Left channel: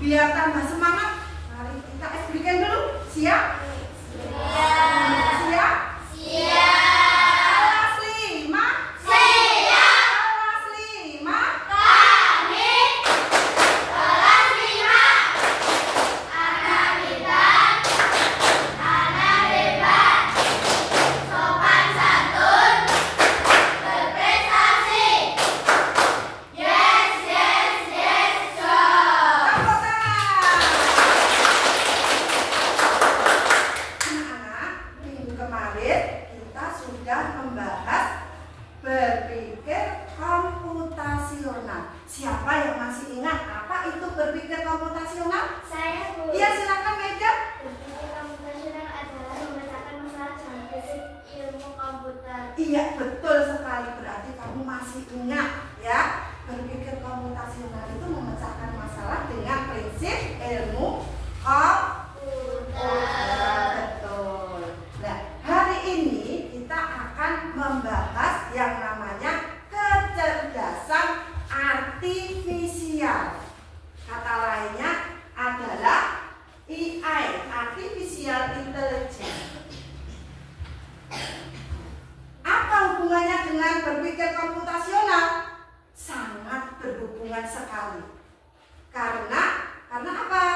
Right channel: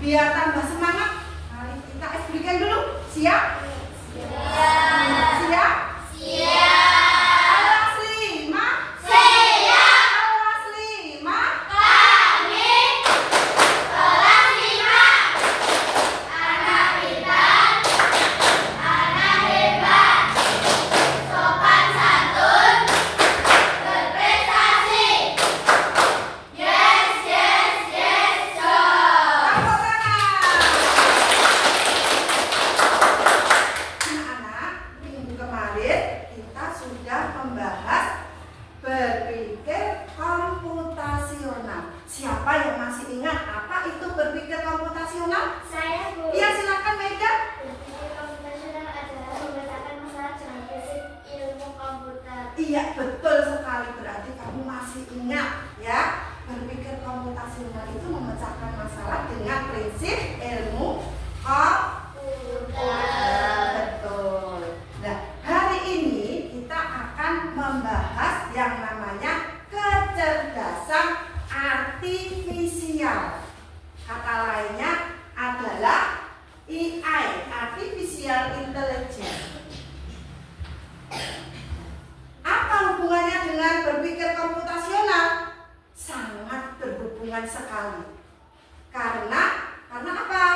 Biar tambah semangat, mari kita explikan dulu. Siap? Siap. Siap? Siap. Kelas 5? Siap. Kelas 5? Kami kelas 5. Anak pintar, anak hebat, sopan santun, berprestasi. Yes, yes, yes, so. Tepuk tangan. Anak-anak, minggu kemarin kita sudah membahas berpikir komputasional. Siapa yang masih ingat apa itu berpikir komputasional? Saya, Bu. Iya, silakan Maida. Berpikir komputasional adalah memecahkan masalah dengan prinsip ilmu komputer. Iya, betul sekali. Berarti kamu masih ingat ya. Berpikir komputasional itu memecahkan masalah dengan prinsip ilmu komputer. Betul. Nah, hari ini kita akan membahas yang namanya kecerdasan artifisial. Kata lainnya adalah AI, Artificial Intelligence. Apa hubungannya dengan berpikir komputasional? Sangat berhubungan sekali. Karena apa?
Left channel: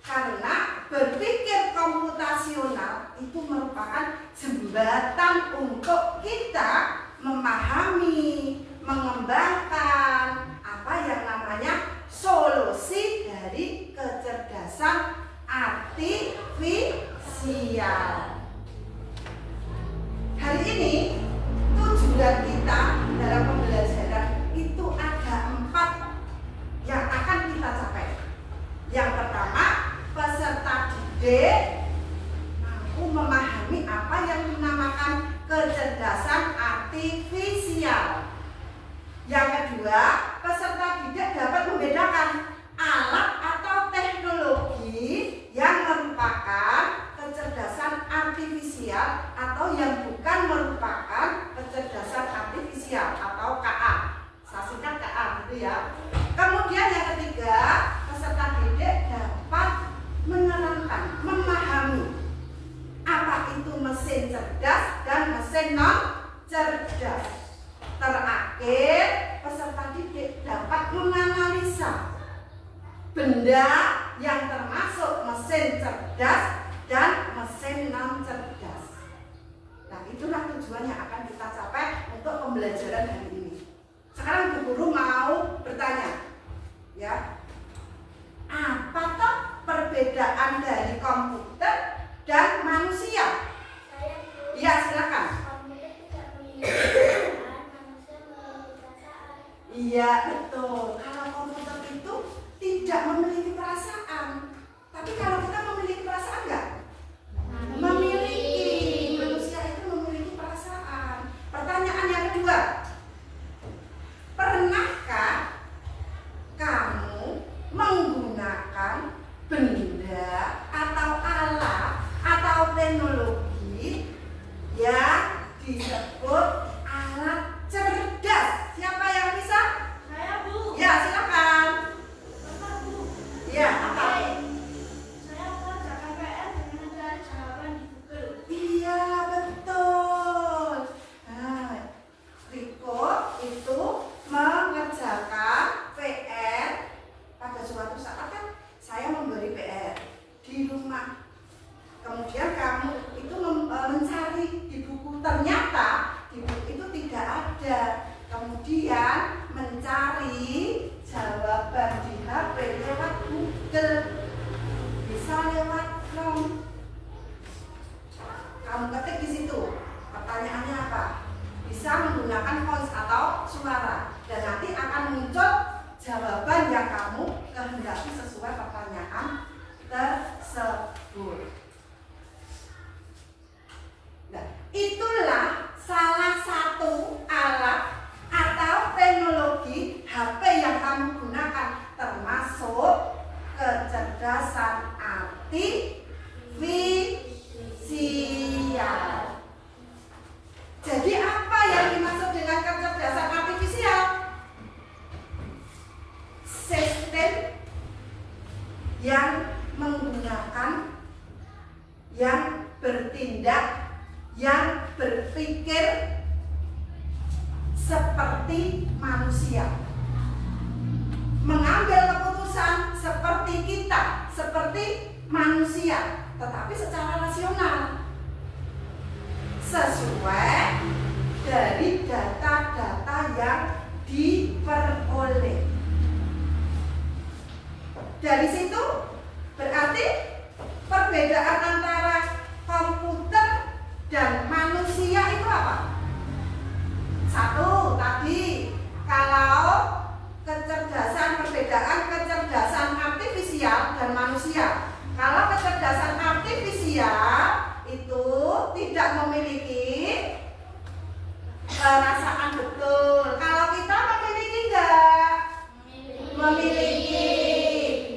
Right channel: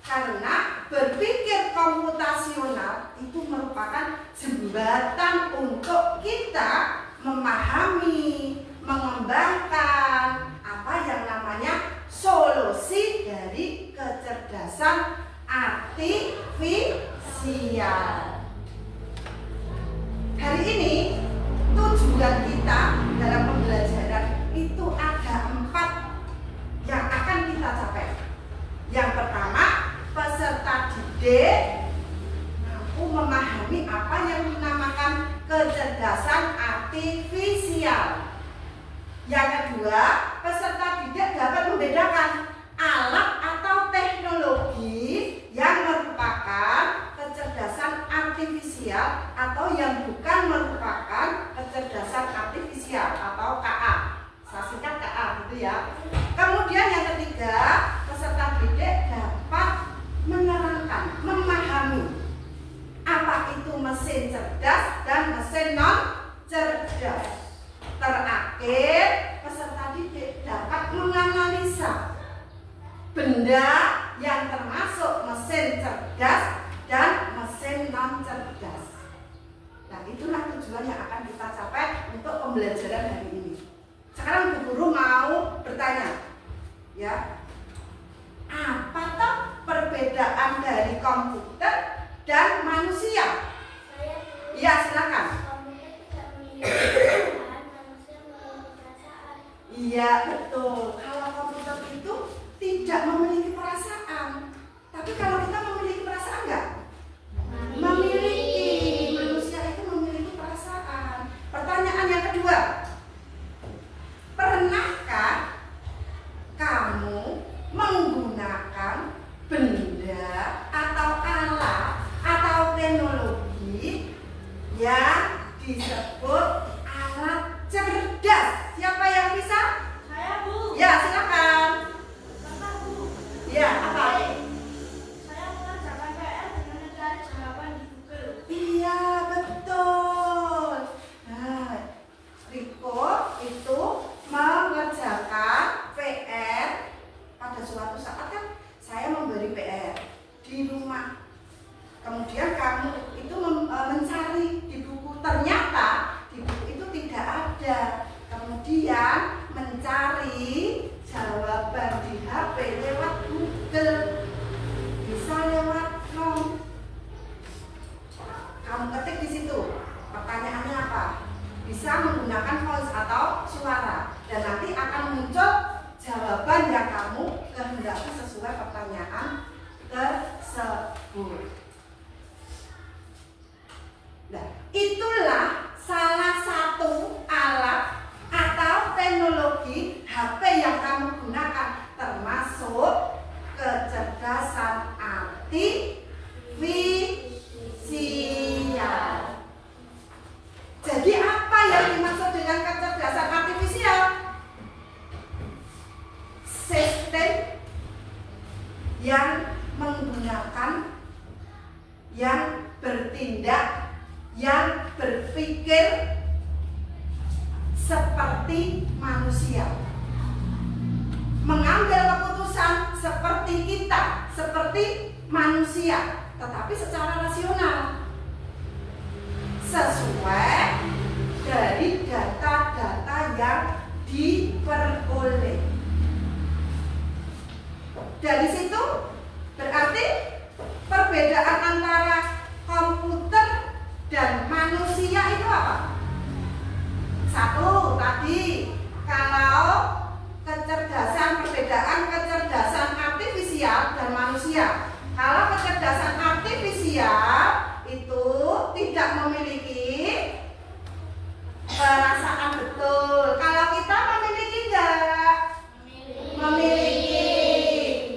Karena berpikir komputasional itu merupakan jembatan untuk kita memahami, mengembangkan apa yang namanya solusi dari kecerdasan artifisial. Hari ini tujuan kita dalam pembelajaran itu ada 4 yang akan kita capai. Yang pertama, peserta didik mampu memahami apa yang dinamakan kecerdasan artifisial. Yang kedua, peserta didik dapat membedakan alat atau teknologi yang merupakan kecerdasan artifisial atau yang bukan merupakan kecerdasan artifisial atau KA. Saya singkat KA gitu ya. Kemudian yang ketiga, peserta didik dapat menerangkan, memahami apa itu mesin cerdas dan mesin non cerdas. Terakhir, peserta didik dapat menganalisa benda yang termasuk mesin cerdas dan mesin non cerdas. Nah, itulah tujuan yang akan kita capai untuk pembelajaran hari ini. Sekarang Bu Guru mau bertanya, ya, apa toh perbedaan dari komputer dan manusia? Iya, silakan. Komputer tidak memiliki perasaan, manusia memiliki perasaan. Iya, betul. Kalau komputer itu tidak memiliki perasaan, tapi kalau kita memiliki perasaan enggak? Memiliki. Manusia itu memiliki perasaan. Pertanyaan yang kedua, pernahkah kamu menggunakan benda atau alat atau teknologi yang disebut alat cerdas? Siapa yang bisa? Saya, Bu. Ya, silakan. Kakak, Bu. Ya, apa? Saya mengerjakan PR dengan mencari jawaban di Google. Iya, betul. Nah, Riko itu mengerjakan PR. Pada suatu saat kan saya memberi PR di rumah. Kemudian kamu itu mencari di buku, ternyata di buku itu tidak ada. Kemudian mencari jawaban di HP lewat Google, bisa lewat Chrome. Kamu ketik di situ, pertanyaannya apa? Bisa menggunakan voice atau suara, dan nanti akan muncul jawaban yang kamu kehendaki sesuai pertanyaan tersebut. Nah, itulah salah satu alat atau teknologi HP yang kamu gunakan, termasuk kecerdasan artifisial. Jadi apa yang dimaksud dengan kecerdasan artifisial? Sistem yang menggunakan, yang bertindak, yang berpikir seperti manusia, mengambil keputusan seperti kita, seperti manusia, tetapi secara rasional, sesuai dari data-data yang diperoleh. Dari situ berarti perbedaan antara komputer dan manusia itu apa? Satu, tadi kalau kecerdasan, perbedaan kecerdasan artifisial dan manusia. Kalau kecerdasan artifisial itu tidak memiliki perasaan betul. Kalau kita memiliki enggak? Memiliki.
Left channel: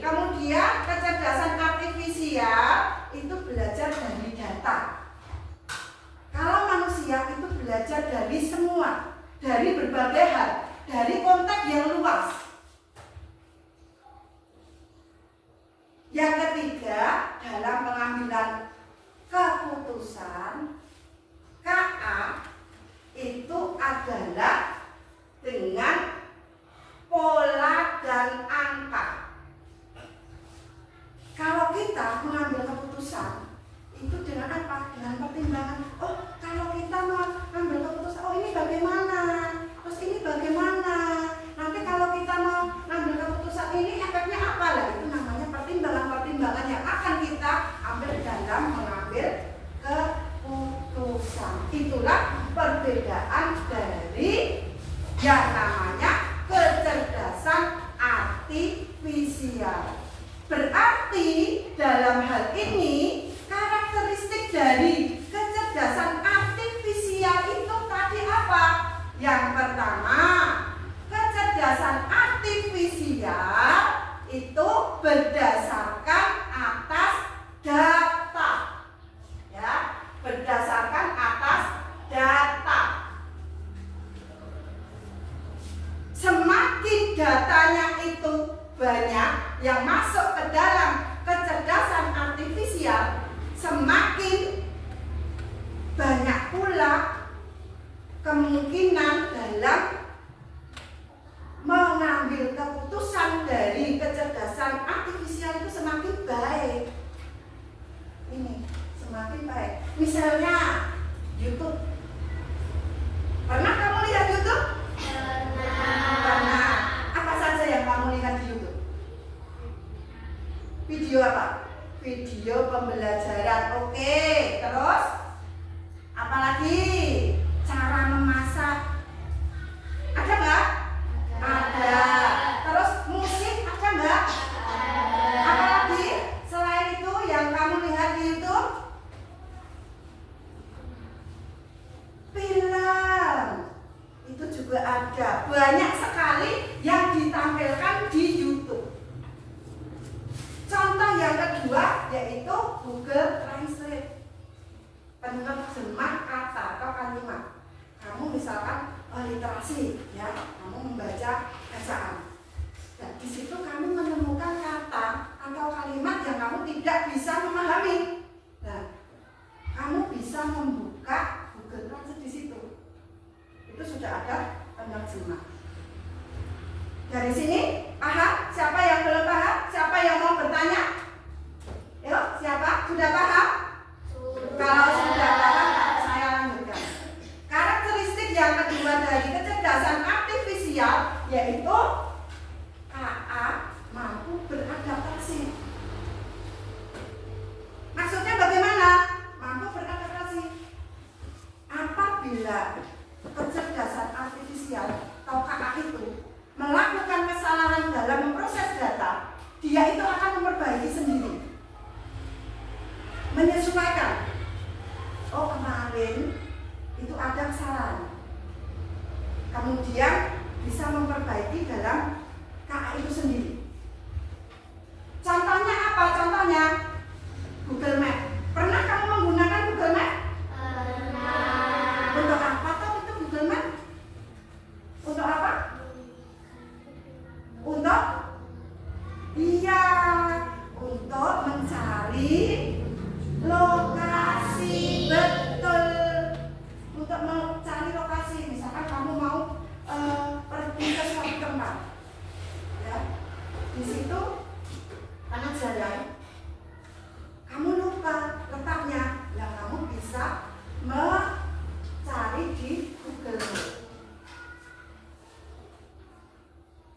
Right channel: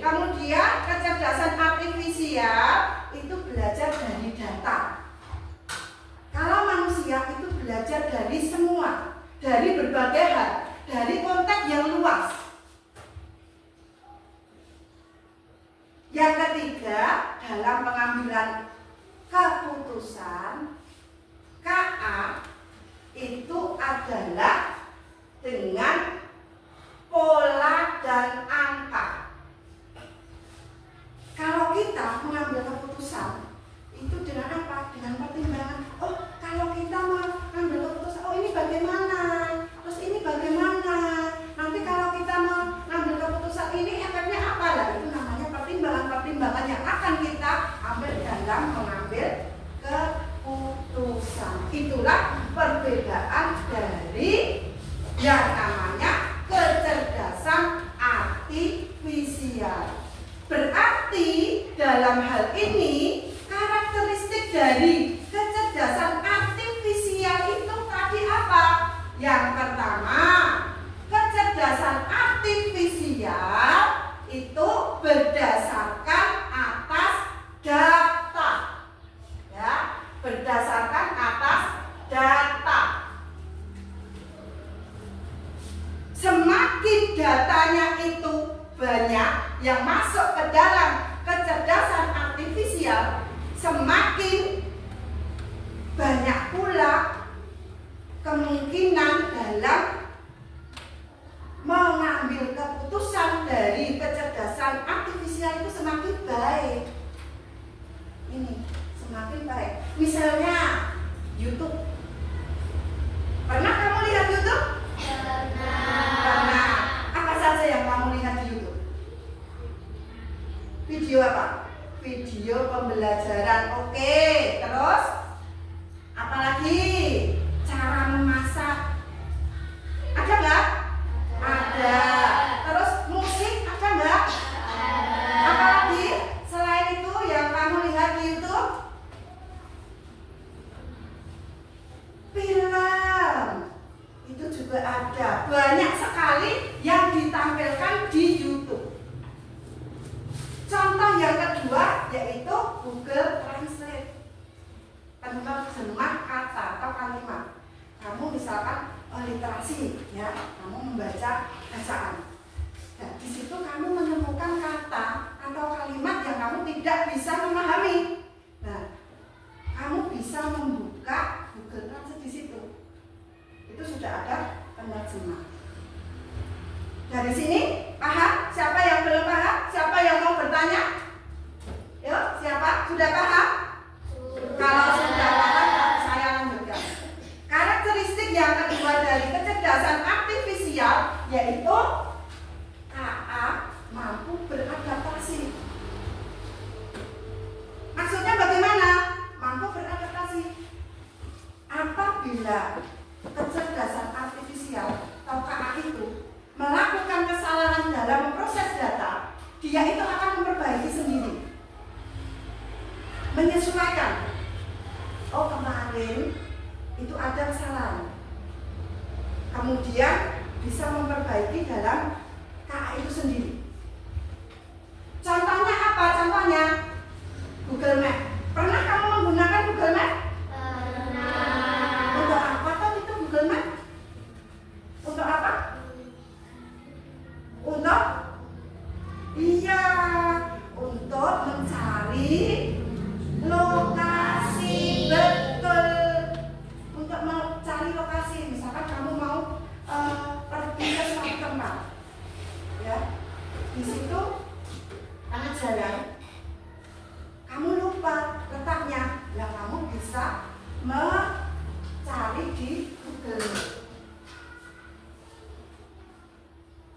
Kemudian kecerdasan artifisial itu belajar dari data. Kalau manusia itu belajar dari semua, dari berbagai hal, dari konteks yang luas. Yang ketiga, dalam pengambilan keputusan, KA itu adalah dengan pola dan angka. Kalau kita mengambil keputusan itu dengan apa? Dengan pertimbangan. Oh, kalau kita mau ambil keputusan, oh ini bagaimana? Terus ini bagaimana? Nanti kalau kita mau ambil keputusan ini efeknya apa lah? Itu namanya pertimbangan-pertimbangan yang akan kita ambil dalam mengambil keputusan. Itulah perbedaan dari yang namanya kecerdasan artifisial. Berarti dalam hal ini karakteristik dari kecerdasan artifisial itu tadi apa? Yang pertama, kecerdasan artifisial itu berdasarkan atas data. Ya, berdasarkan atas data. Semakin datanya itu banyak yang masuk ke dalam kecerdasan artifisial, semakin banyak pula kemungkinan dalam mengambil keputusan dari kecerdasan artifisial itu semakin baik. Ini semakin baik. Misalnya YouTube. Pernah kamu lihat YouTube? Pernah. Apa saja yang kamu lihat di YouTube? Video apa? Video pembelajaran. Oke, terus apalagi? Cara memasak. Ada nggak? Ada. Terus musik ada nggak? Apalagi selain itu yang kamu lihat di YouTube? Film. Itu juga ada. Banyak sekali yang ditampilkan di YouTube. Contoh yang kedua yaitu Google Translate, penerjemah kata atau kalimat. Kamu misalkan literasi, ya, kamu membaca bacaan. Dan di situ kamu menemukan kata atau kalimat yang kamu tidak bisa memahami. Nah, kamu bisa membuka Google Translate di situ. Itu sudah ada penerjemah. Dari sini paham? Siapa yang belum paham? Siapa yang mau bertanya? Yuk, siapa? Sudah paham? Kalau sudah paham, saya lanjutkan. Karakteristik yang kedua dari kecerdasan artifisial yaitu KA mampu beradaptasi. Maksudnya bagaimana? Mampu beradaptasi. Apabila kecerdasan artifisial atau KA itu melakukan kesalahan dalam memproses data, dia itu akan memperbaiki sendiri, menyesuaikan. Oh, kemarin itu ada kesalahan, kemudian bisa memperbaiki dalam untuk mencari lokasi betul. Untuk mencari lokasi, misalkan kamu mau pergi ke suatu tempat, ya, di situ tengah jalan, kamu lupa letaknya, lah kamu bisa mencari di Google.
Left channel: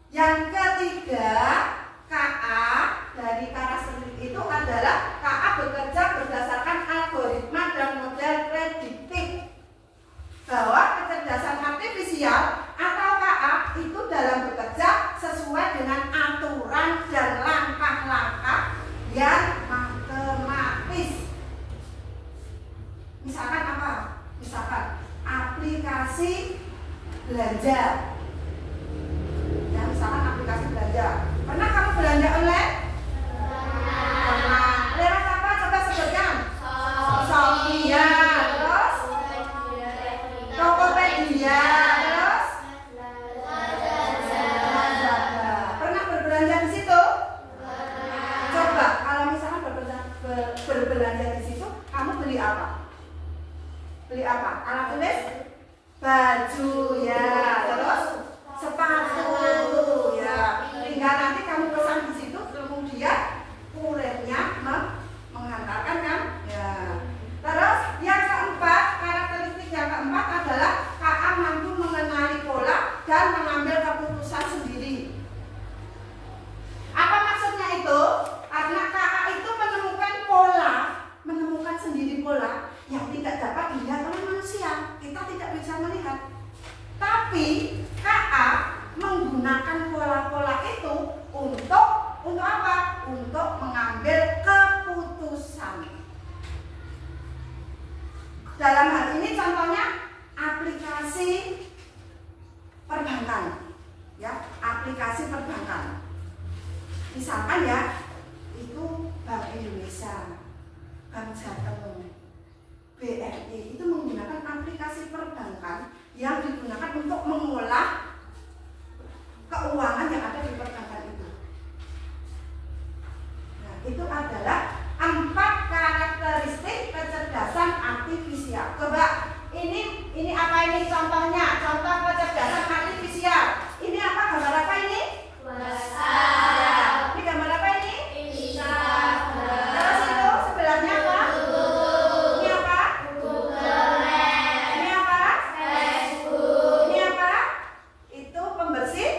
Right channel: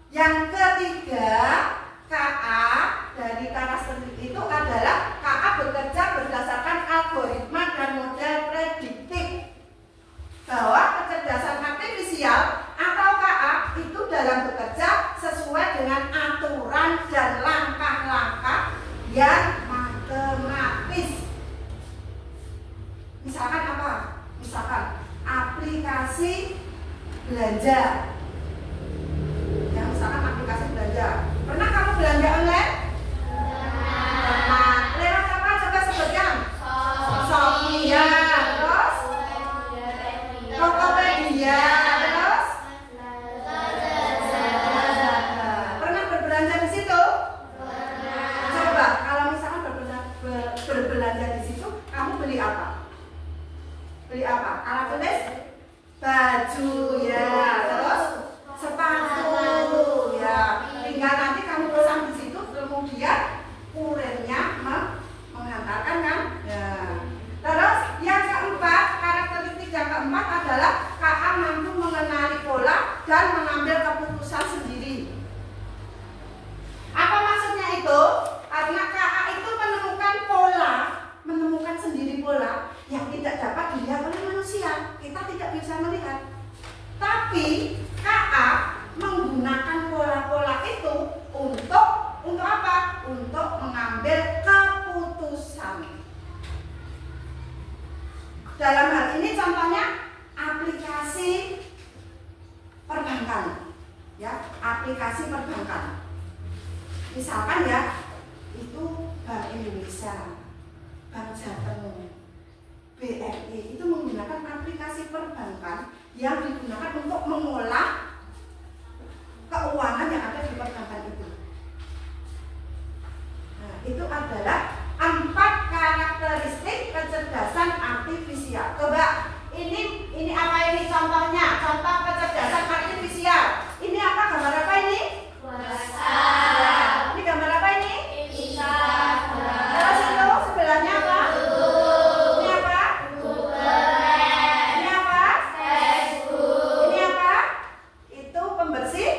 Yang ketiga, KA dari karakteristik itu adalah KA bekerja berdasarkan algoritma dan model prediktif. Bahwa kecerdasan artifisial atau KA itu dalam bekerja sesuai dengan aturan dan langkah-langkah yang matematis. Misalkan apa? Misalkan aplikasi belanja. Ya, misalkan aplikasi belanja. Pernah kamu belanja online? Pernah. Lewat apa? Coba sebutkan. Shopee, ya. Terus Tokopedia, terus pernah berbelanja di situ? Coba kalau misalkan berbelanja di situ, kamu beli apa? Beli apa? Alat tulis? Baju, ya. Terus sepatu, ya. Tinggal nanti kamu pesan di situ, kemudian kurirnya menghantarkan, kan? Ya. Terus yang keempat, karakteristik yang keempat adalah KA mampu mengenali pola dan mengambil keputusan sendiri. Apa maksudnya itu? Karena KA itu menemukan pola, menemukan sendiri pola yang tidak dapat dilihat oleh manusia. Kita tidak bisa melihat. Tapi KA menggunakan pola-pola itu untuk apa? Untuk mengambil keputusan. Dalam hal ini contohnya aplikasi perbankan, ya, aplikasi perbankan. Misalkan ya, itu Bank Indonesia, Bank Jateng, BRI itu menggunakan aplikasi perbankan yang digunakan untuk mengolah keuangan yang ada di perbankan itu. Nah, itu adalah 4 karakteristik kecerdasan artifisial. Coba ini apa ini contohnya? Contoh kecerdasan artifisial. Ini apa, gambar apa ini? WhatsApp. Ini gambar apa ini? Instagram. Terus itu sebelahnya apa? Ini apa? Google. Ini apa? Facebook. Ini apa? Itu pembersih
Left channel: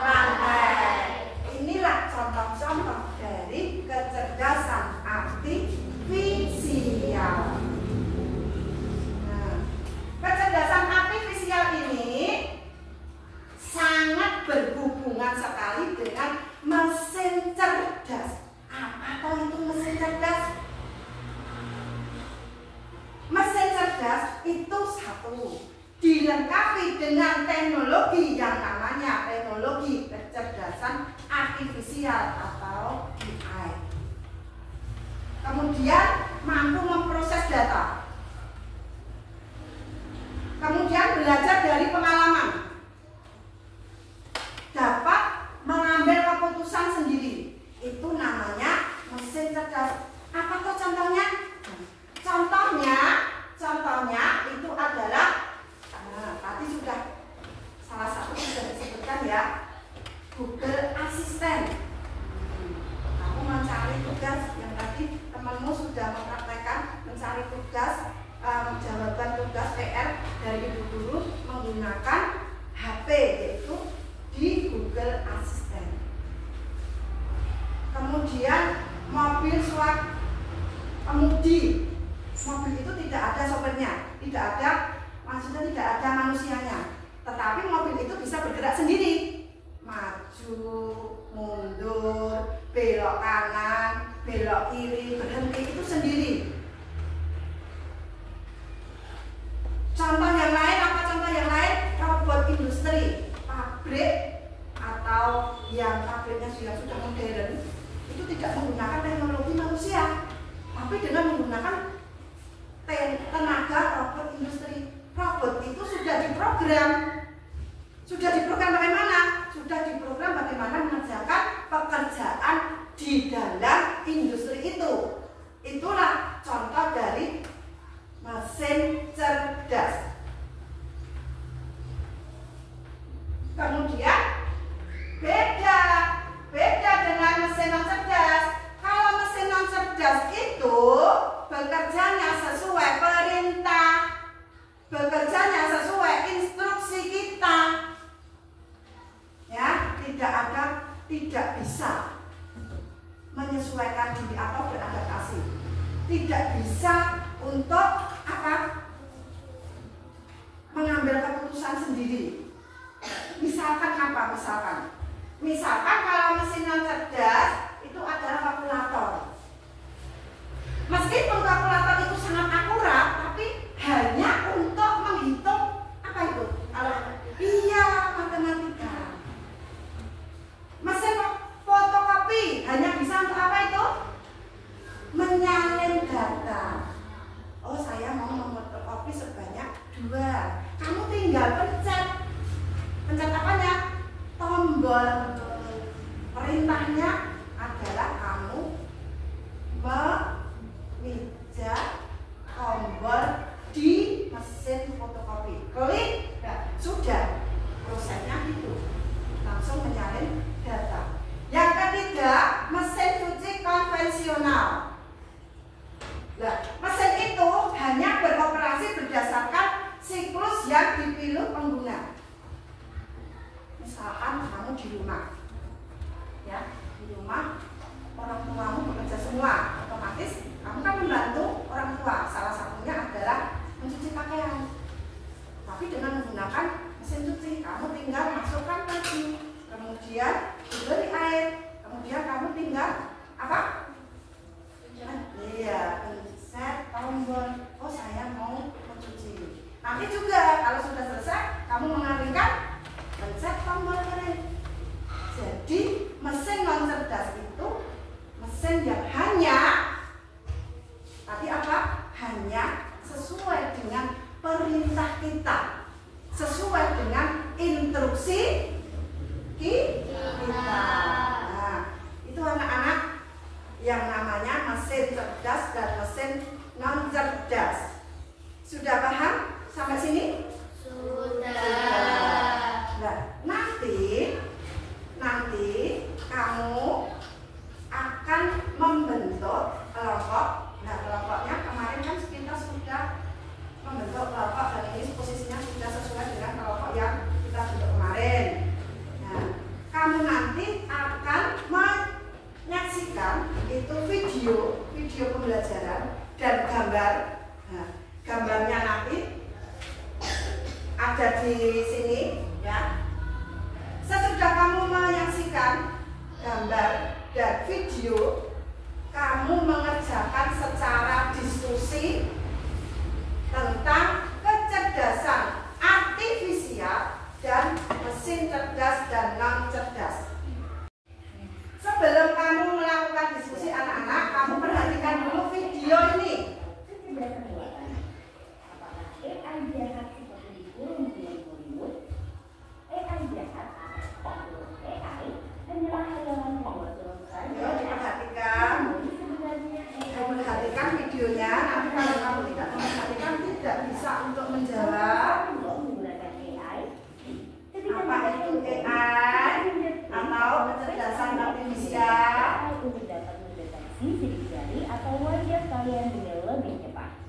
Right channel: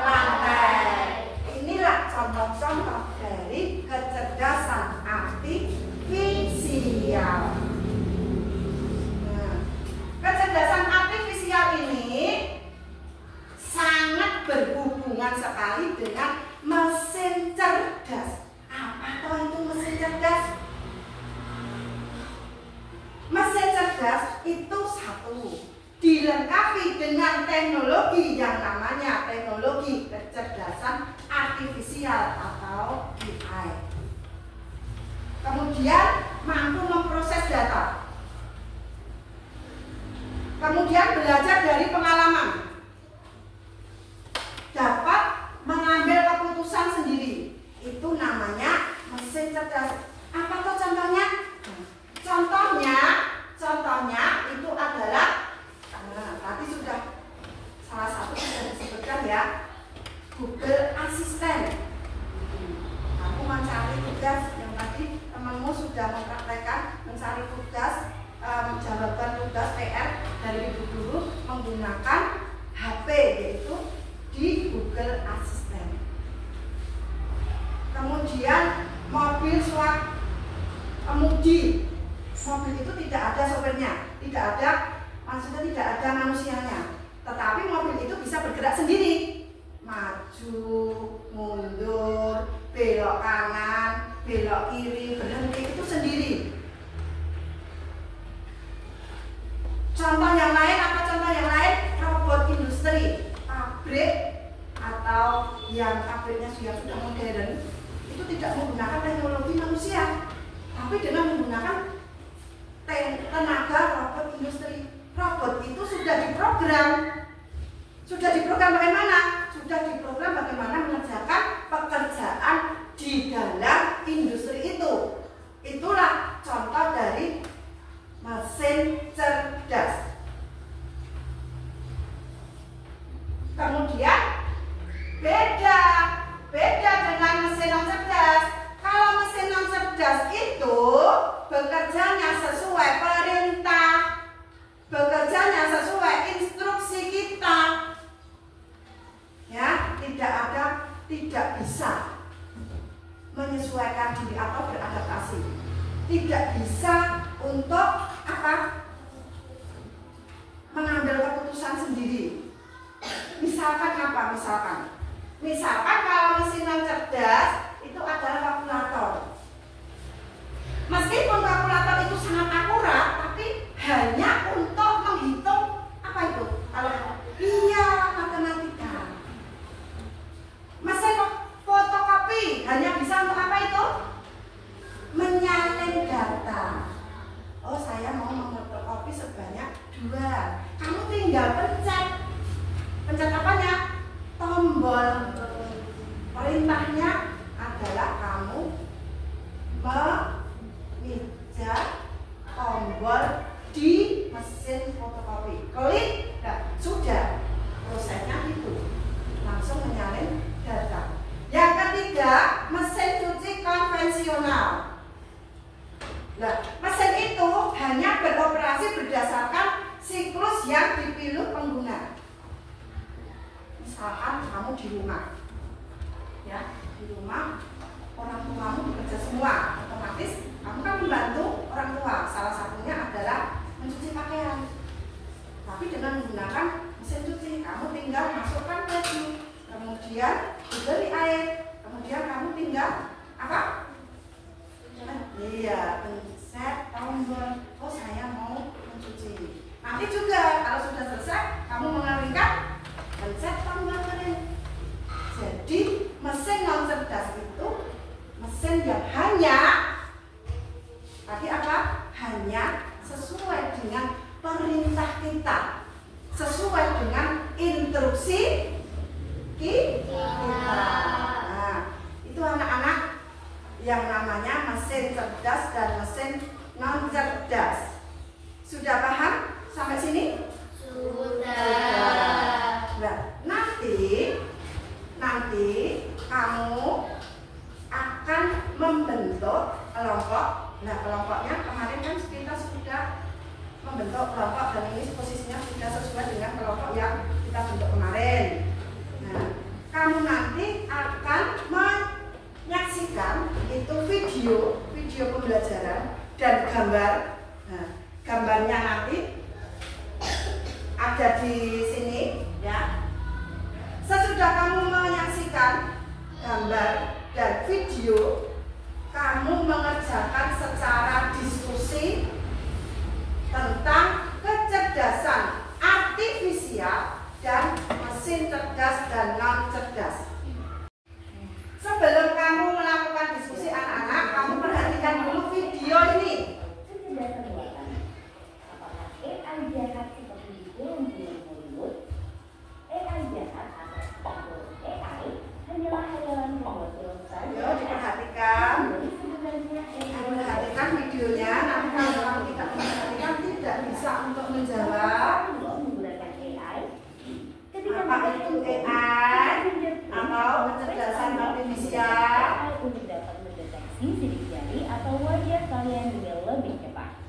lantai. Inilah contoh-contoh dari kecerdasan artifisial. Nah, kecerdasan artifisial ini sangat berhubungan sekali dengan mesin cerdas. Apa itu mesin cerdas? Mesin cerdas itu satu, dilengkapi dengan teknologi yang namanya teknologi kecerdasan artifisial atau AI. Kemudian mampu memproses data. Kemudian belajar dari pengalaman. Dapat mengambil keputusan sendiri. Itu namanya mesin cerdas. Apa tuh contohnya? Contohnya itu adalah tadi sudah salah satu sudah disebutkan ya, Google Assistant. Kamu mencari tugas yang tadi temanmu sudah mempraktekkan mencari tugas, jawaban tugas PR dari ibu guru menggunakan HP, yaitu di Google Assistant. Kemudian mobil swab kemudi. Mobil itu tidak ada sopirnya, maksudnya tidak ada manusianya. Tetapi mobil itu bisa bergerak sendiri, maju, mundur, belok kanan, belok kiri, berhenti, itu sendiri. Contoh yang lain, apa contoh yang lain? Robot industri, pabrik atau yang pabriknya sudah modern, itu tidak menggunakan teknologi manusia, tapi dengan menggunakan tenaga robot industri. Robot itu sudah diprogram bagaimana? Sudah diprogram bagaimana mengerjakan pekerjaan di dalam menyesuaikan diri atau beradaptasi. Tidak bisa untuk apa? Mengambil keputusan sendiri. Misalkan apa? Misalkan kalau mesin yang cerdas itu adalah kalkulator. Meskipun kalkulator itu sangat akurat, tapi hanya untuk menghitung apa itu? Kalau iya, matematika. Mesin fotokopi hanya bisa untuk apa itu? Menyalin data. Oh, saya mau memfotokopi sebanyak 2. Kamu tinggal pencet apanya? Tombol. Perintahnya adalah kamu memijat tombol di mesin fotokopi. Klik, sudah. Prosesnya itu langsung menyalin data. Yang ketiga, mesin cuci konvensional. Nah, mesin itu hanya beroperasi berdasarkan siklus yang dipilih pengguna. Misalkan kamu di rumah, ya, di rumah orang tuamu bekerja semua, otomatis kamu kan membantu orang tua. Salah satunya adalah mencuci pakaian. Tapi dengan menggunakan mesin cuci, kamu tinggal masukkan baju, kemudian diberi air, kemudian kamu tinggal apa? Iya, pencet tombol. Oh, saya mau mencuci. Nanti juga kalau sudah selesai, kamu mengeringkan, pencet tombol kering. Jadi mesin non cerdas itu mesin yang hanya tadi apa? Hanya sesuai dengan perintah kita, sesuai dengan instruksi kita. Nah, itu anak-anak yang namanya mesin cerdas dan mesin non cerdas. Sudah paham sampai sini? Sudah. Nah, nanti kamu akan membentuk kelompok. Nah, kelompoknya kemarin kan kita sudah membentuk kelompok dan ini posisinya sudah sesuai dengan kelompok yang kita bentuk kemarin. Nah, kamu nanti akan menyaksikan itu video pembelajaran dan gambar. Nah, gambarnya nanti ada di sini, ya. Sesudah kamu menyaksikan gambar dan video, kamu mengerjakan secara diskusi tentang kecerdasan artifisial dan mesin cerdas dan non cerdas. Sebelum kamu melakukan diskusi anak-anak, kamu perhatikan dulu video ini. Perhatikan videonya. Nanti kalau kamu tidak memperhatikan, tidak bisa untuk menjawab apa itu AI atau kecerdasan artifisial untuk dapat mendeteksi sidik jari atau wajah kalian dengan lebih cepat.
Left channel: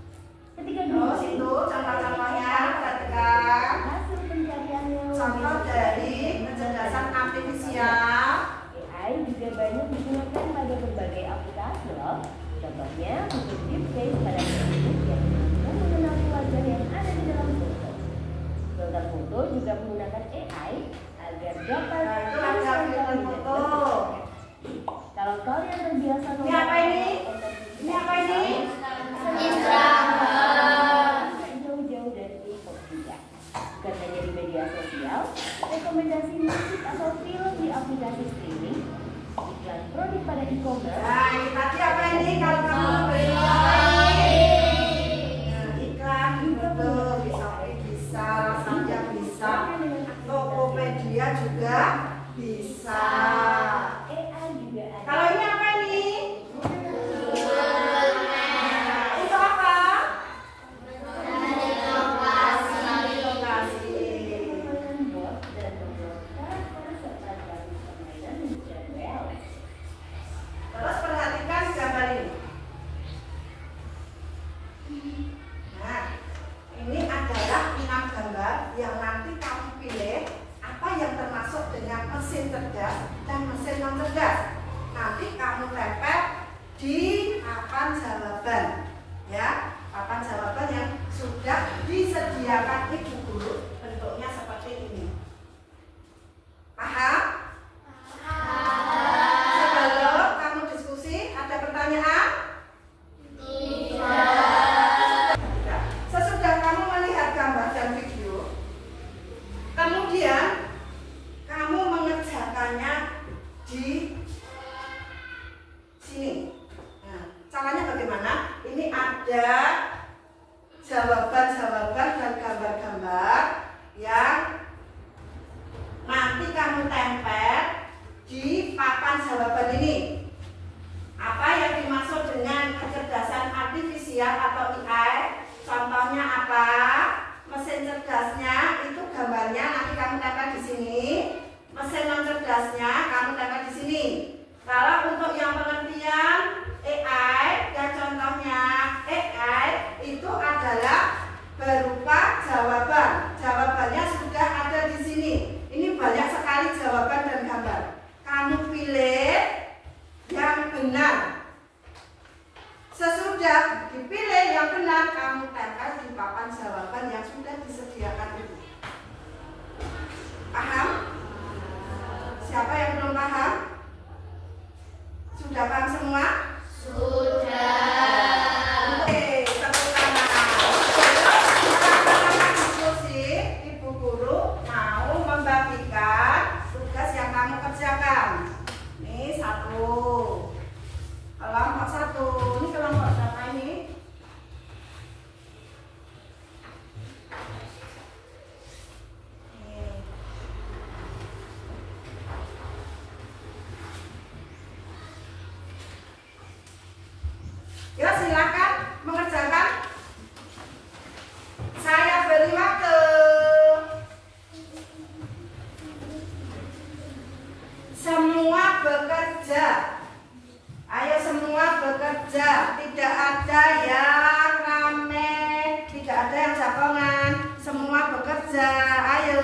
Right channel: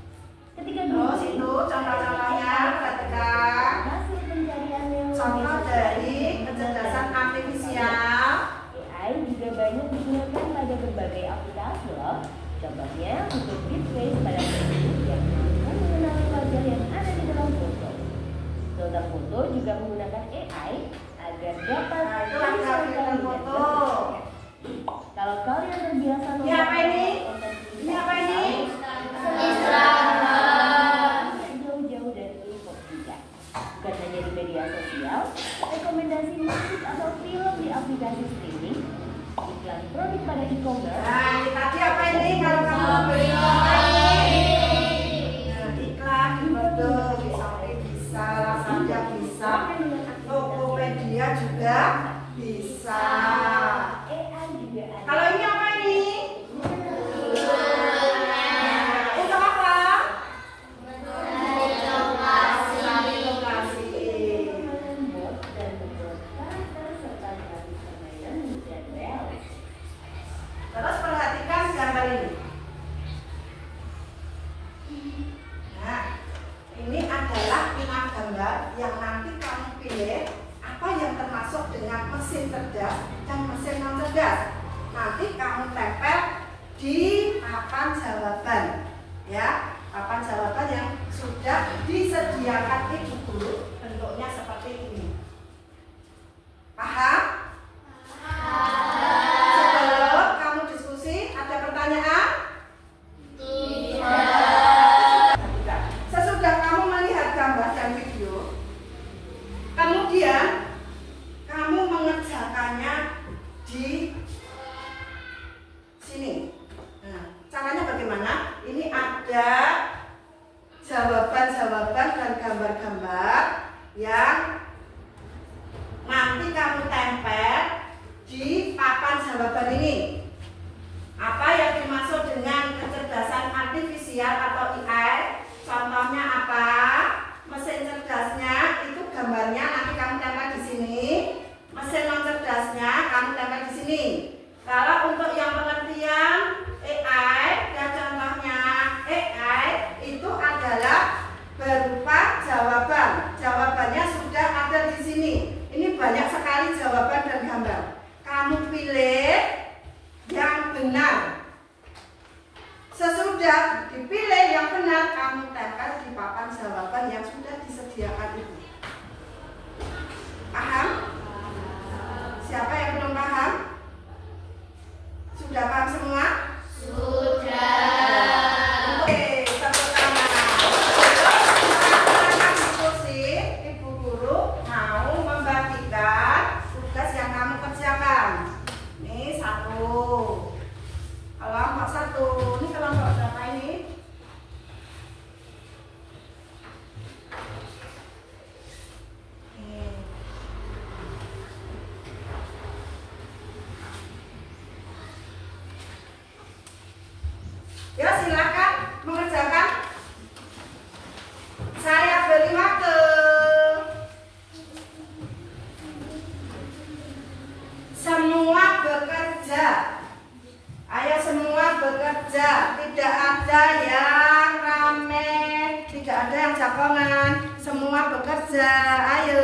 Ketika terus itu contoh-contohnya, perhatikan hasil pencariannya contoh dari kecerdasan artifisial. AI juga banyak digunakan pada berbagai aplikasi loh. Contohnya untuk deepfake pada Facebook yang mampu mengenali wajah yang ada di dalam foto. Filter foto juga menggunakan AI agar dapat menyesuaikan foto. Kalau kalian terbiasa Ini apa ini? Ini apa ini? Jauh-jauh dari K-pop juga. Bukan hanya di media sosial, rekomendasi musik atau film di aplikasi streaming, iklan produk pada e-commerce. Nah, ini tadi apa ini? Kalau kamu beli iklan betul, bisa, Saja bisa, Tokopedia juga bisa. AI juga ada. Kalau ini apa ini? Untuk apa? Terus perhatikan gambar ini. Nah, ini adalah 6 gambar yang nanti kamu pilih apa yang termasuk dengan mesin cerdas dan mesin non cerdas. Nanti kamu tempel papan jawaban, ya, papan jawaban yang sudah disediakan ibu guru, bentuknya seperti ini. Paham? Sebelum kamu diskusi, ada pertanyaan? Tidak. Sesudah kamu melihat gambar dan video, kemudian kamu mengerjakannya di sini. Nah, caranya bagaimana? Ini ada jawaban-jawaban dan gambar-gambar yang nanti kamu tempel di papan jawaban ini. Apa yang dimaksud dengan kecerdasan artifisial atau AI? Contohnya apa? Mesin cerdasnya itu gambarnya nanti kamu tempel di sini. Mesin non cerdasnya kamu tempel di sini. Kalau untuk yang pengertian AI dan contohnya AI itu adalah berupa jawaban. Jawabannya sudah ada di sini. Ini banyak sekali jawaban dan gambar. Kamu pilih yang benar. Sesudah dipilih yang benar, kamu tempel di papan jawaban yang sudah disediakan itu. Paham? Siapa yang belum paham? Sudah paham semua? Sudah. Oke, tepuk tangan. Sekarang diskusi, ibu guru mau membagikan tugas yang kamu kerjakan. Ini satu. Kelompok satu. Ini kelompok berapa ini? Ya, silakan mengerjakan. Saya beri waktu. Semua bekerja. Ayo semua bekerja. Tidak ada yang rame, tidak ada yang jagongan. Semua bekerja. Ayo.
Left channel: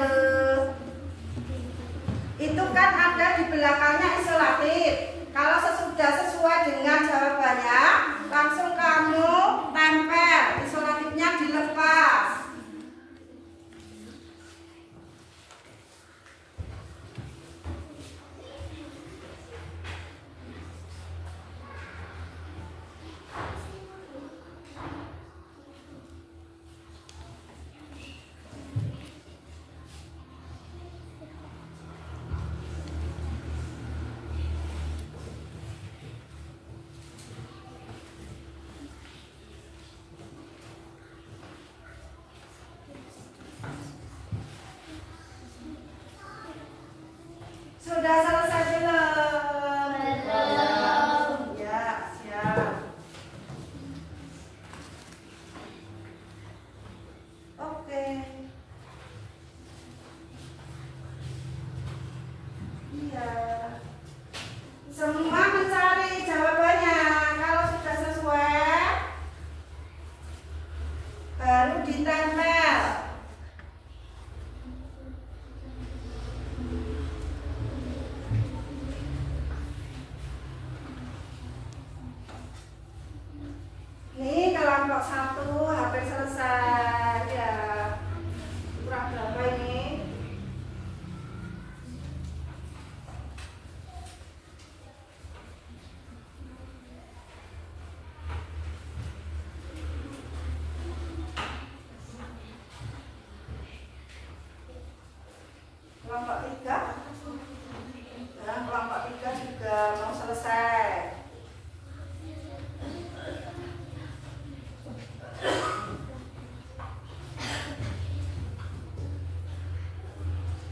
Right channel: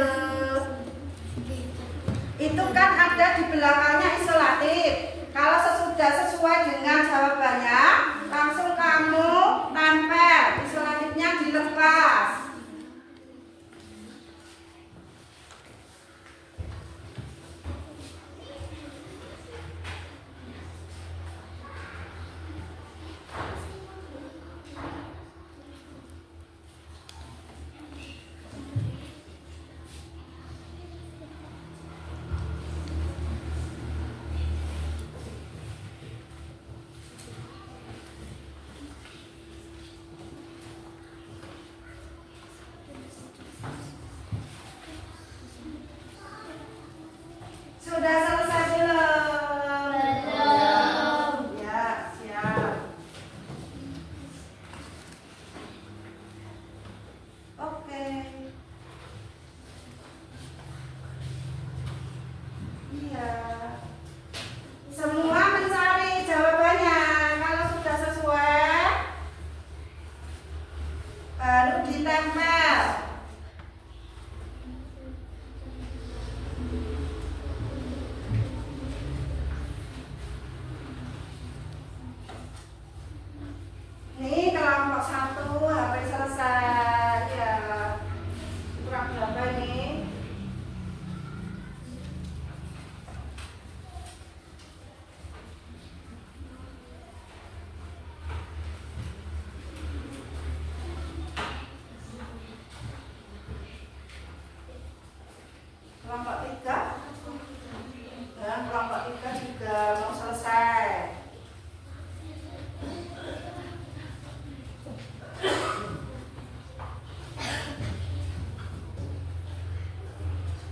Itu kan ada di belakangnya isolatif. Kalau sudah sesuai dengan jawabannya, langsung kamu tempel, isolatifnya dilepas. Sudah selesai belum? Belum. Ya, siap. Oke. Iya. Semua mencari jawabannya. Kalau sudah sesuai, baru ditempel. Nih kelompok satu hampir selesai ya. Kurang berapa ini? Kelompok tiga dan kelompok tiga juga mau selesai.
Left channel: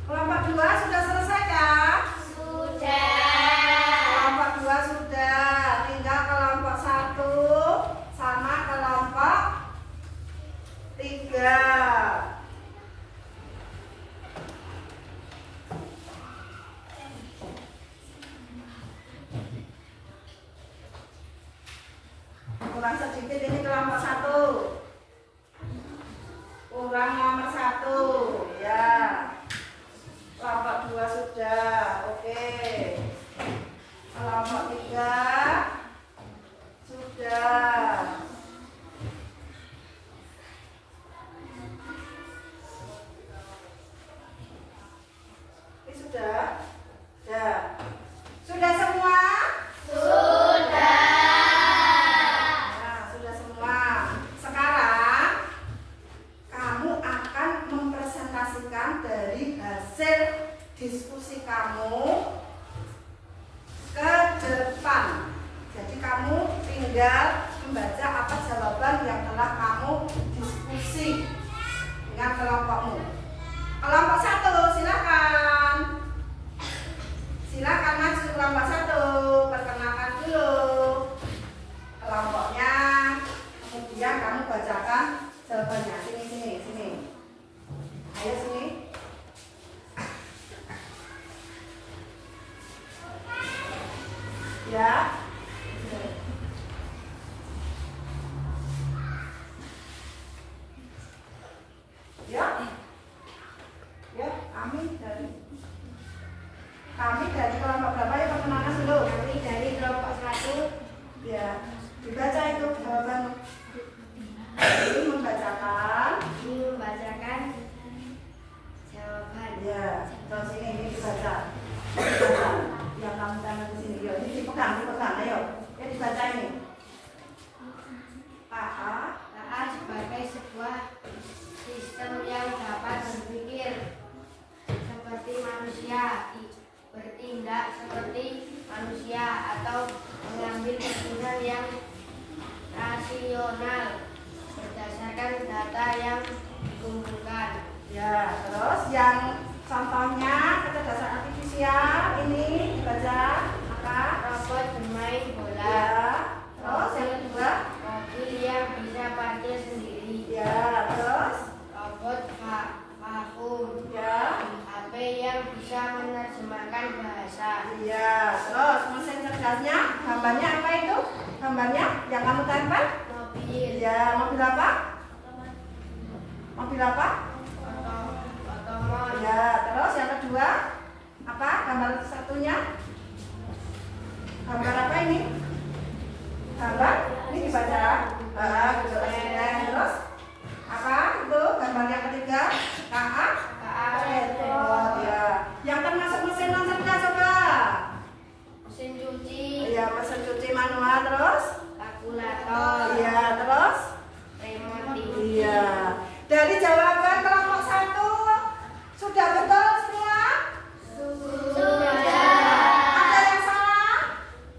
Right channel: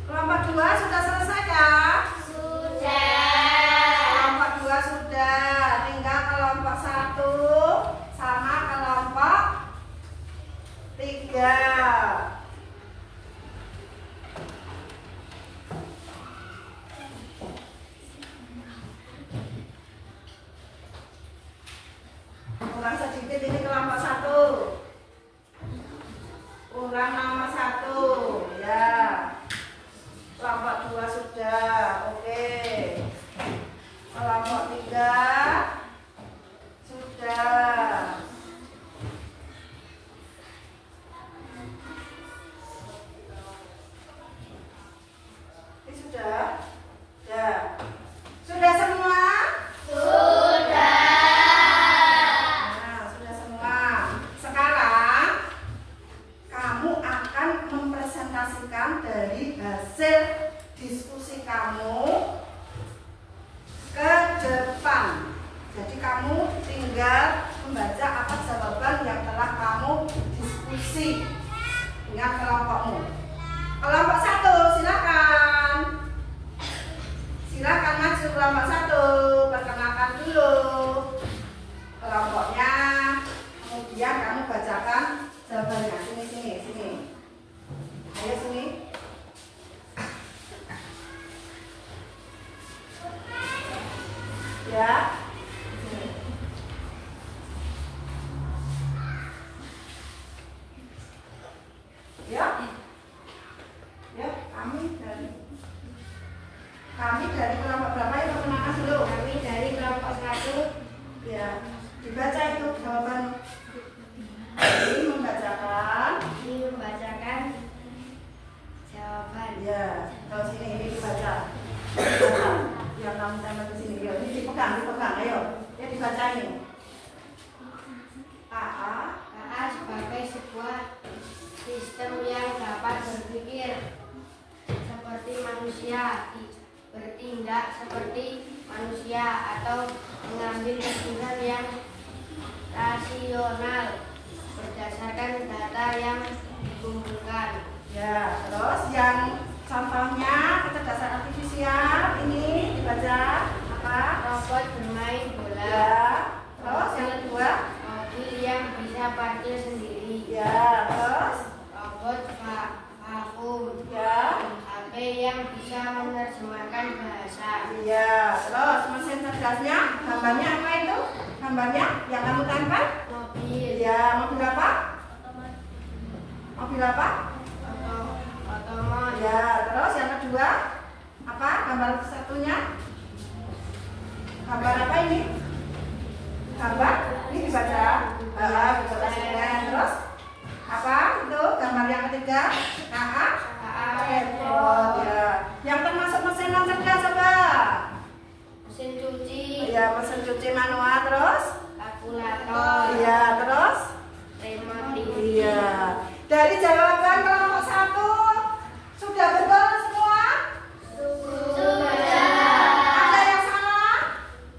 Kelompok dua sudah selesai ya? Sudah. Kelompok dua sudah. Tinggal kelompok satu sama kelompok tiga. Kurang sedikit ini kelompok satu. Kurang nomor satu ya. Kelompok dua sudah, oke. Kelompok tiga sudah. tinggal membaca apa jawaban yang telah kamu diskusi dengan kelompokmu. Kelompok 1 silakan. Silakan maju kelompok 1, perkenalkan dulu kelompoknya. Kemudian kamu bacakan jawabannya. Sini. Ayo sini. Ya. Ya, kami dari kelompok berapa ya, perkenalkan dulu. Kami dari kelompok 1. Ya, dibaca itu jawaban. Ini membacakan jawaban. Ya, terus ini dibaca. Yang kamu tambah ke sini, yuk. Ini dipegang, ayo. Ya dibaca ini. KA sebagai sebuah sistem yang dapat berpikir seperti manusia, bertindak seperti manusia, atau mengambil keputusan yang rasional berdasarkan data yang dikumpulkan. Ya, terus yang contohnya kecerdasan artifisial ini dibaca apa? Robot bermain bola. Ya. Terus yang kedua? Mobil yang bisa parkir sendiri. Ya. Terus? Robot vakum. Ya. HP yang bisa menerjemahkan bahasa. Iya. Terus mesin cerdasnya gambarnya apa itu? Gambarnya yang kamu tempel? Mobil. Ya. Mobil apa? Mobil apa? Otomat. Ya. Terus yang kedua apa? Gambar satunya? Gambar apa ini? Gambar ini dibaca. Terus apa itu gambar yang ketiga? KA. Ya. Yang termasuk mesin non cerdas apa? Mesin cuci. Ya, mesin cuci manual. Terus? Kalkulator. Ya. Terus? Remote TV. Iya. Dari jawaban kelompok 1 sudah betul semua? Sudah. Ada yang salah?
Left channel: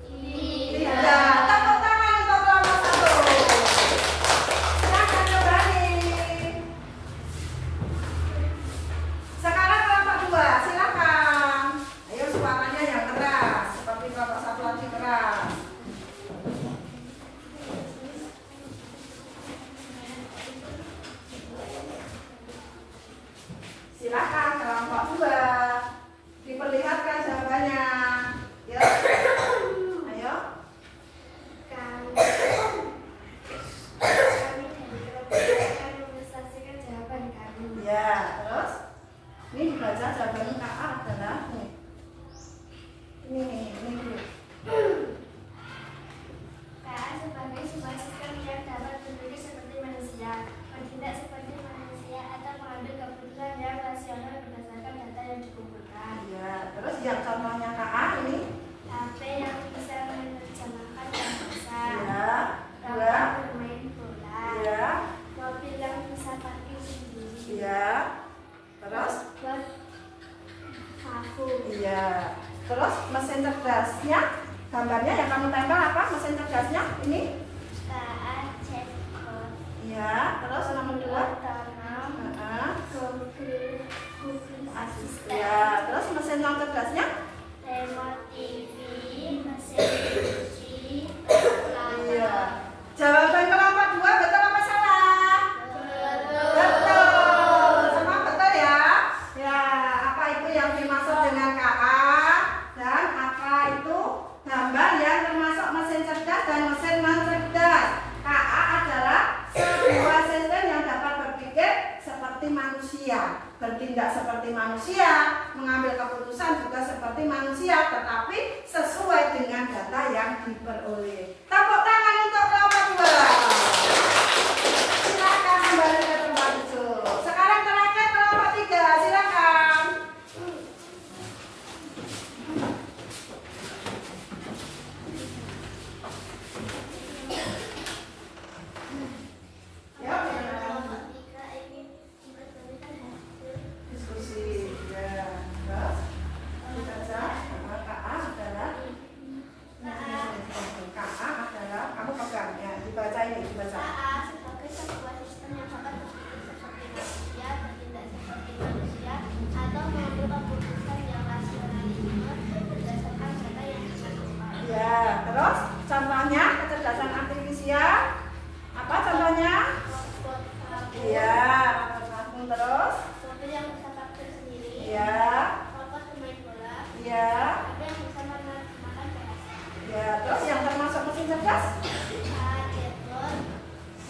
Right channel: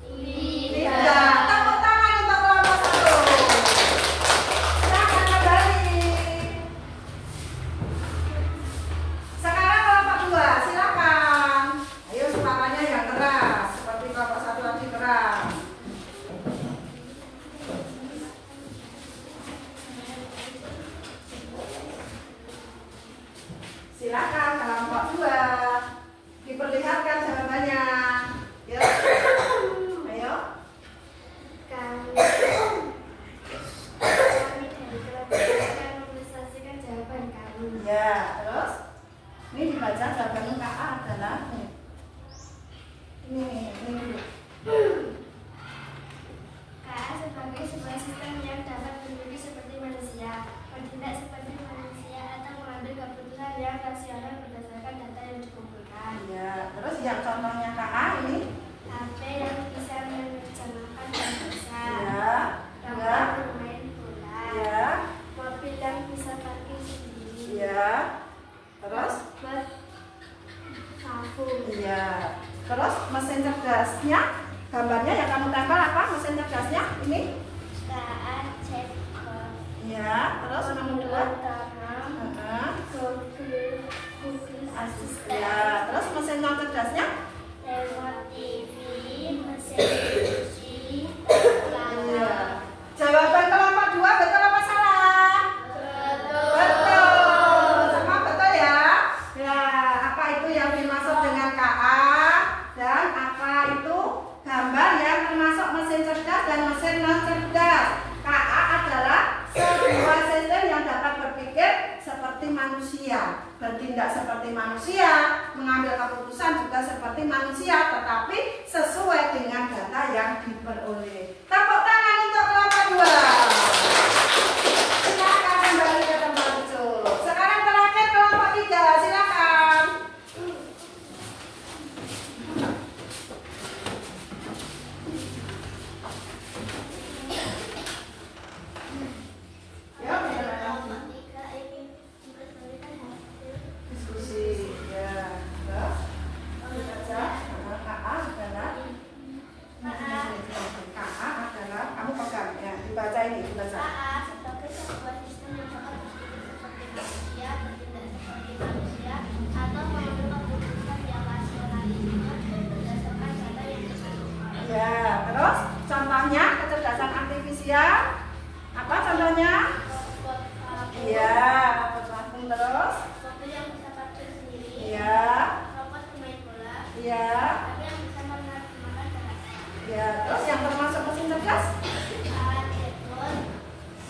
Tidak. Tepuk tangan untuk kelompok 1. Silakan kembali. Sekarang kelompok 2, silakan. Ayo suaranya yang keras, seperti kelompok 1 lagi keras. Silakan kelompok 2 diperlihatkan jawabannya. Yuk. Ayo. Kami dari kelompok akan mepresentasikan jawaban kami. Ya, terus ini dibaca jawabannya KA adalah ini dulu. KA sebagai sebuah sistem yang dapat berpikir seperti manusia, bertindak seperti manusia, atau mengambil keputusan yang rasional berdasarkan data yang dikumpulkan. Ya, terus yang contohnya KA ini. HP yang bisa menerjemahkan bahasa. Ya, Robot bermain bola. ya, Mobil yang bisa parkir sendiri. ya. Terus? Robot vakum. Iya. Terus mesin cerdasnya gambarnya yang kamu tempel apa? Mesin cerdasnya ini? KA chatbot. Iya. Terus nomor 2? Otonom. Google Assistant. Ya. Terus mesin non cerdasnya? Remote TV, mesin cuci, kalkulator. Iya. Jawaban kelompok 2 betul apa salah? Betul. Semua betul ya? Ya, apa itu yang dimaksud dengan KA dan apa itu gambar yang termasuk mesin cerdas dan mesin non cerdas? KA adalah sebuah sistem yang dapat berpikir seperti manusia, bertindak seperti manusia, mengambil keputusan juga seperti manusia, tetapi sesuai dengan data yang diperoleh. Tepuk tangan untuk kelompok 2. Silakan kembali ke tempat duduk. Sekarang terakhir kelompok 3, silakan. Ya, Kelompok 3 ingin mempertahankan hasil diskusi. Ya, terus dibaca. KA adalah KA ini dibaca. A. Sebagai sebuah sistem yang dapat berpikir seperti manusia, bertindak seperti manusia, atau mengambil keputusan yang rasionalisme berdasarkan data yang dikumpulkan. Ya, terus contohnya kecerdasan artifisial apa contohnya? Robot vakum. Iya, robot vakum. Terus? Mobil yang bisa parkir sendiri. Iya. Robot pemain bola. Iya. Tapi yang bisa menerjemahkan bahasa. Ya, terus yang termasuk mesin cerdas? Telepon,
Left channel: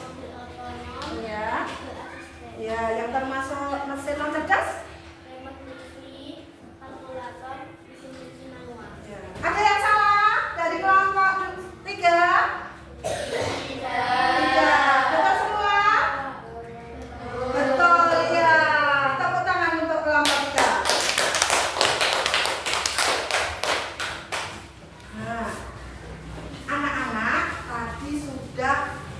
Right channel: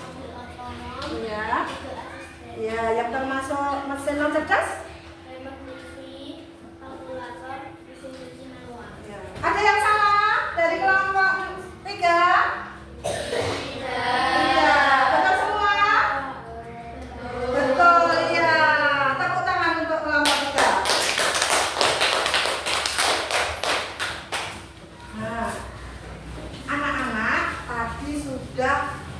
mobil otonom, Iya. Google Assistant, Ya, yang termasuk mesin non cerdas? remote TV, kalkulator, mesin cuci manual. Ya. Ada yang salah dari kelompok 3? Iya, betul semua? Betul, iya. Tepuk tangan untuk kelompok 3. Nah, anak-anak tadi sudah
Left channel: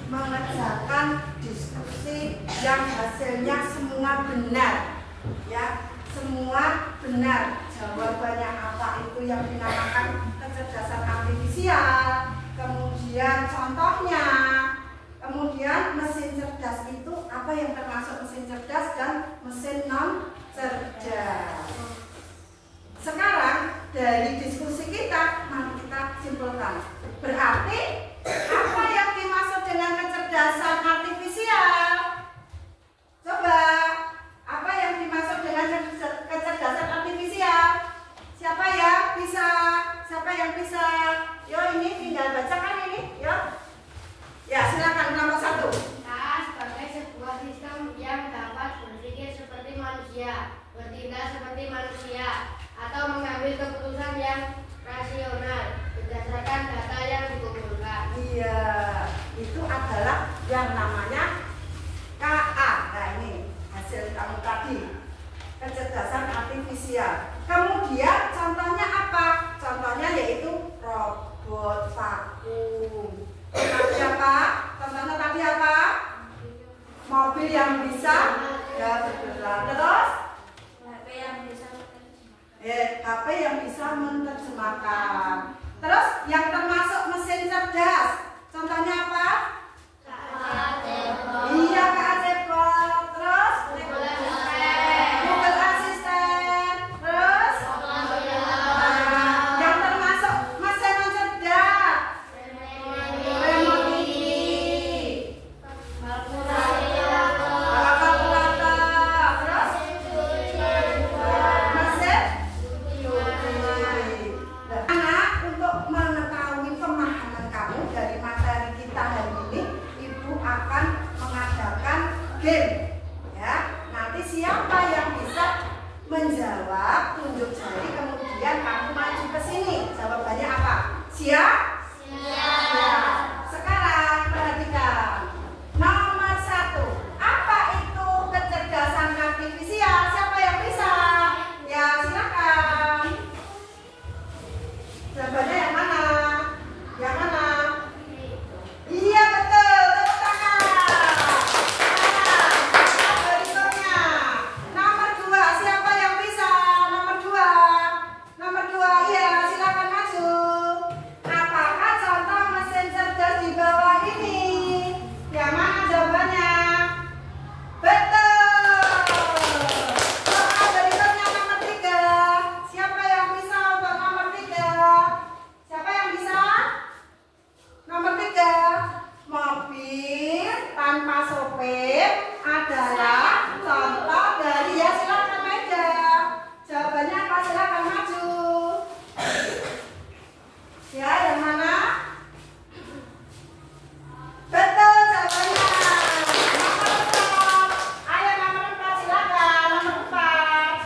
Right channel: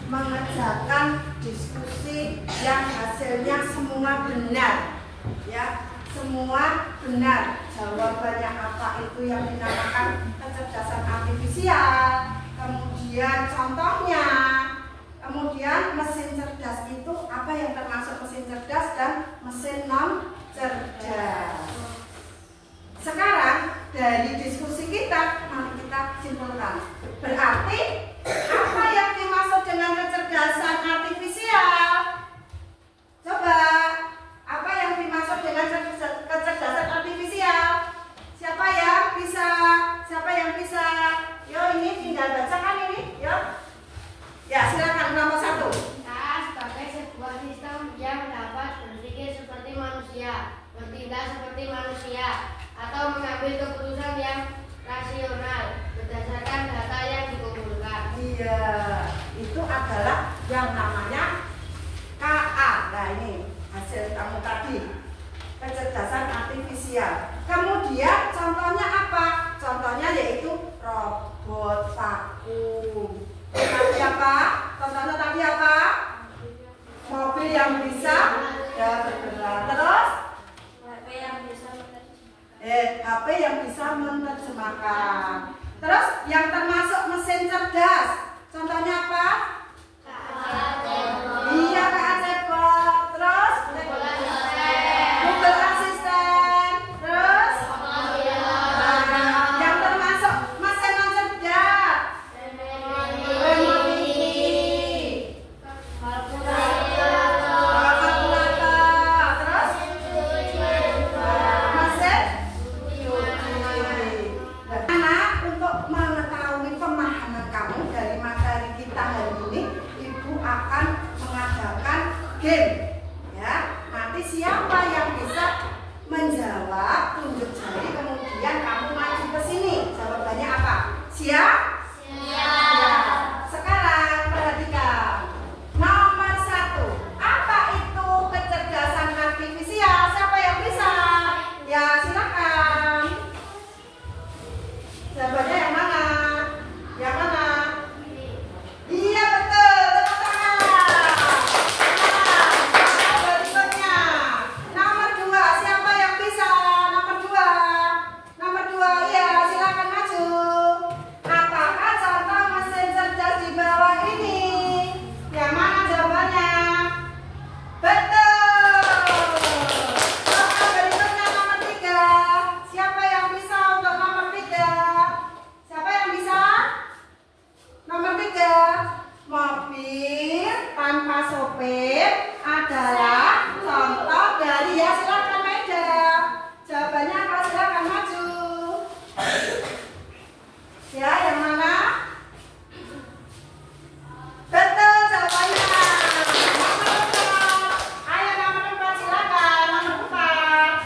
mengerjakan diskusi yang hasilnya semua benar. Ya, semua benar. Jawabannya apa itu yang dinamakan kecerdasan artifisial. Kemudian contohnya, kemudian mesin cerdas itu apa yang termasuk mesin cerdas dan mesin non cerdas. Sekarang dari diskusi kita, mari kita simpulkan. Berarti apa yang dimaksud dengan kecerdasan artifisial? Coba, apa yang dimaksud dengan kecerdasan artifisial? Siapa yang bisa? Siapa yang bisa? Yo, ini tinggal bacakan ini, yo. Ya, silakan nomor 1. A. Sebagai sebuah sistem yang dapat berpikir seperti manusia, bertindak seperti manusia, atau mengambil keputusan yang rasional berdasarkan data yang dikumpulkan. Iya, itu adalah yang namanya KA. Nah, ini hasil kamu tadi, kecerdasan artifisial. Kemudian contohnya apa? Contohnya yaitu robot vakum. Tadi apa? Contohnya tadi apa? Mobil yang bisa ya bergerak. Terus HP yang bisa menerjemahkan. Terus yang termasuk mesin cerdas. Contohnya apa? Iya, Kak Cebot. Terus Google Assistant. Terus yang termasuk mesin non cerdas. Remote TV. Kalkulator. Terus mesin anak, untuk mengetahui pemahaman kamu dari materi kita hari ini, Ibu akan mengadakan game. Ya, nanti siapa yang bisa menjawab, tunjuk jari, kemudian kamu maju ke sini. Jawabannya apa? Siap? Siap. Sekarang perhatikan. Nomor 1. Apa itu kecerdasan artifisial? Siapa yang bisa? Ya, silakan. Jawabannya yang mana? Yang mana? Iya, betul. Tepuk tangan. Nah, berikutnya. Nomor 2. Siapa yang bisa? Nomor 2. Nomor 2. Iya, silakan maju. Apakah contoh mesin cerdas di bawah ini? Yang mana jawabannya? Betul. Oke, berikutnya nomor 3. Siapa yang bisa untuk nomor 3? Siapa yang bisa? Nomor 3. Mobil tanpa sopir adalah contoh dari, ya silakan Meda. Jawabannya apa? Silakan maju. Ya, yang mana? Betul jawabannya. Nomor 4. Ayo nomor 4 silakan. Nomor 4.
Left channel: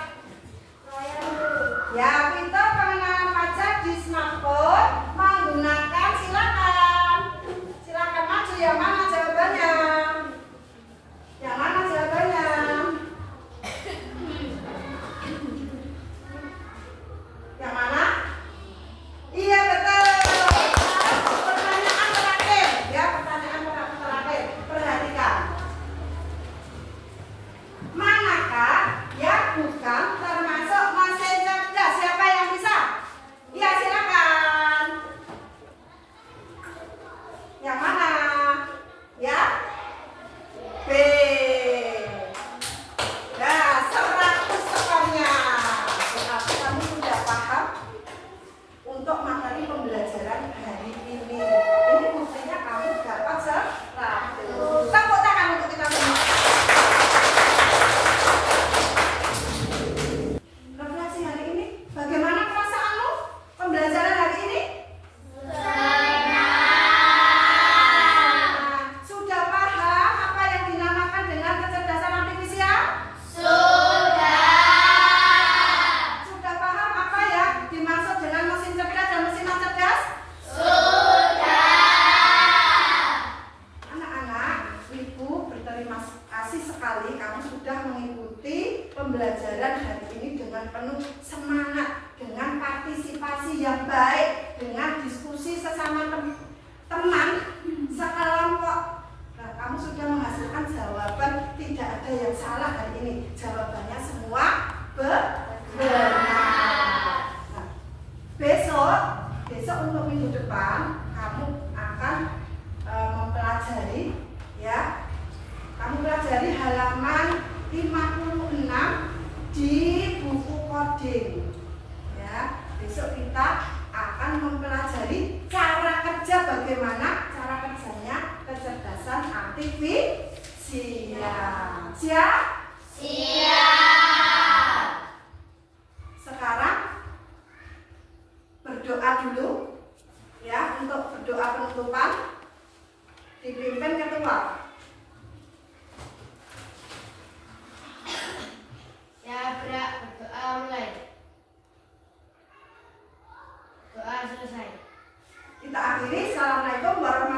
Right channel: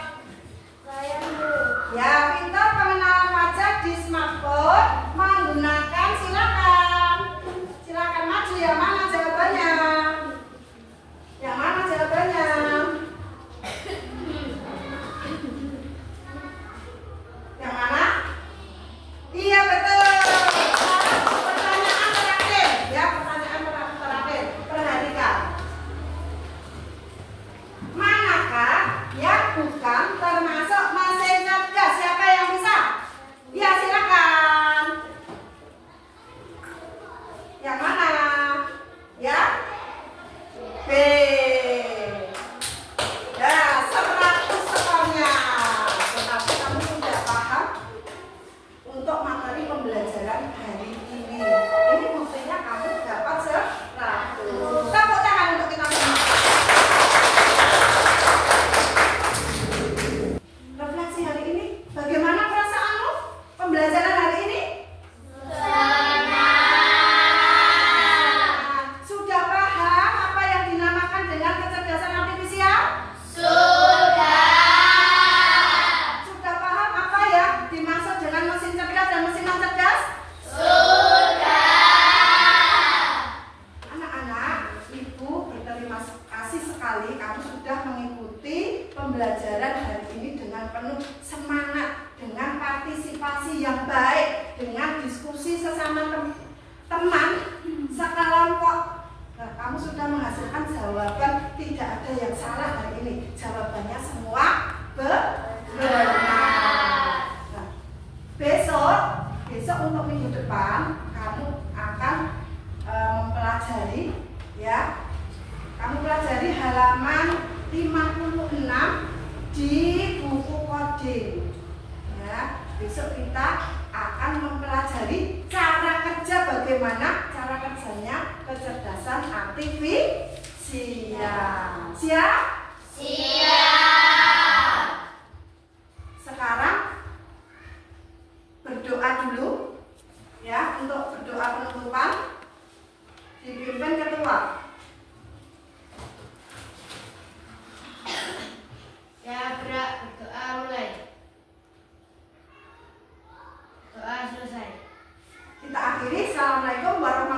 Ya, pintar pengenalan wajah di smartphone menggunakan, silakan. Silakan maju, yang mana jawabannya? kecerdasan artifisial. Siap? Siap. Sekarang berdoa dulu ya, untuk berdoa penutupan dipimpin ketua. Ya, gerak berdoa mulai. Doa selesai. Kita akhiri. Assalamualaikum warahmatullahi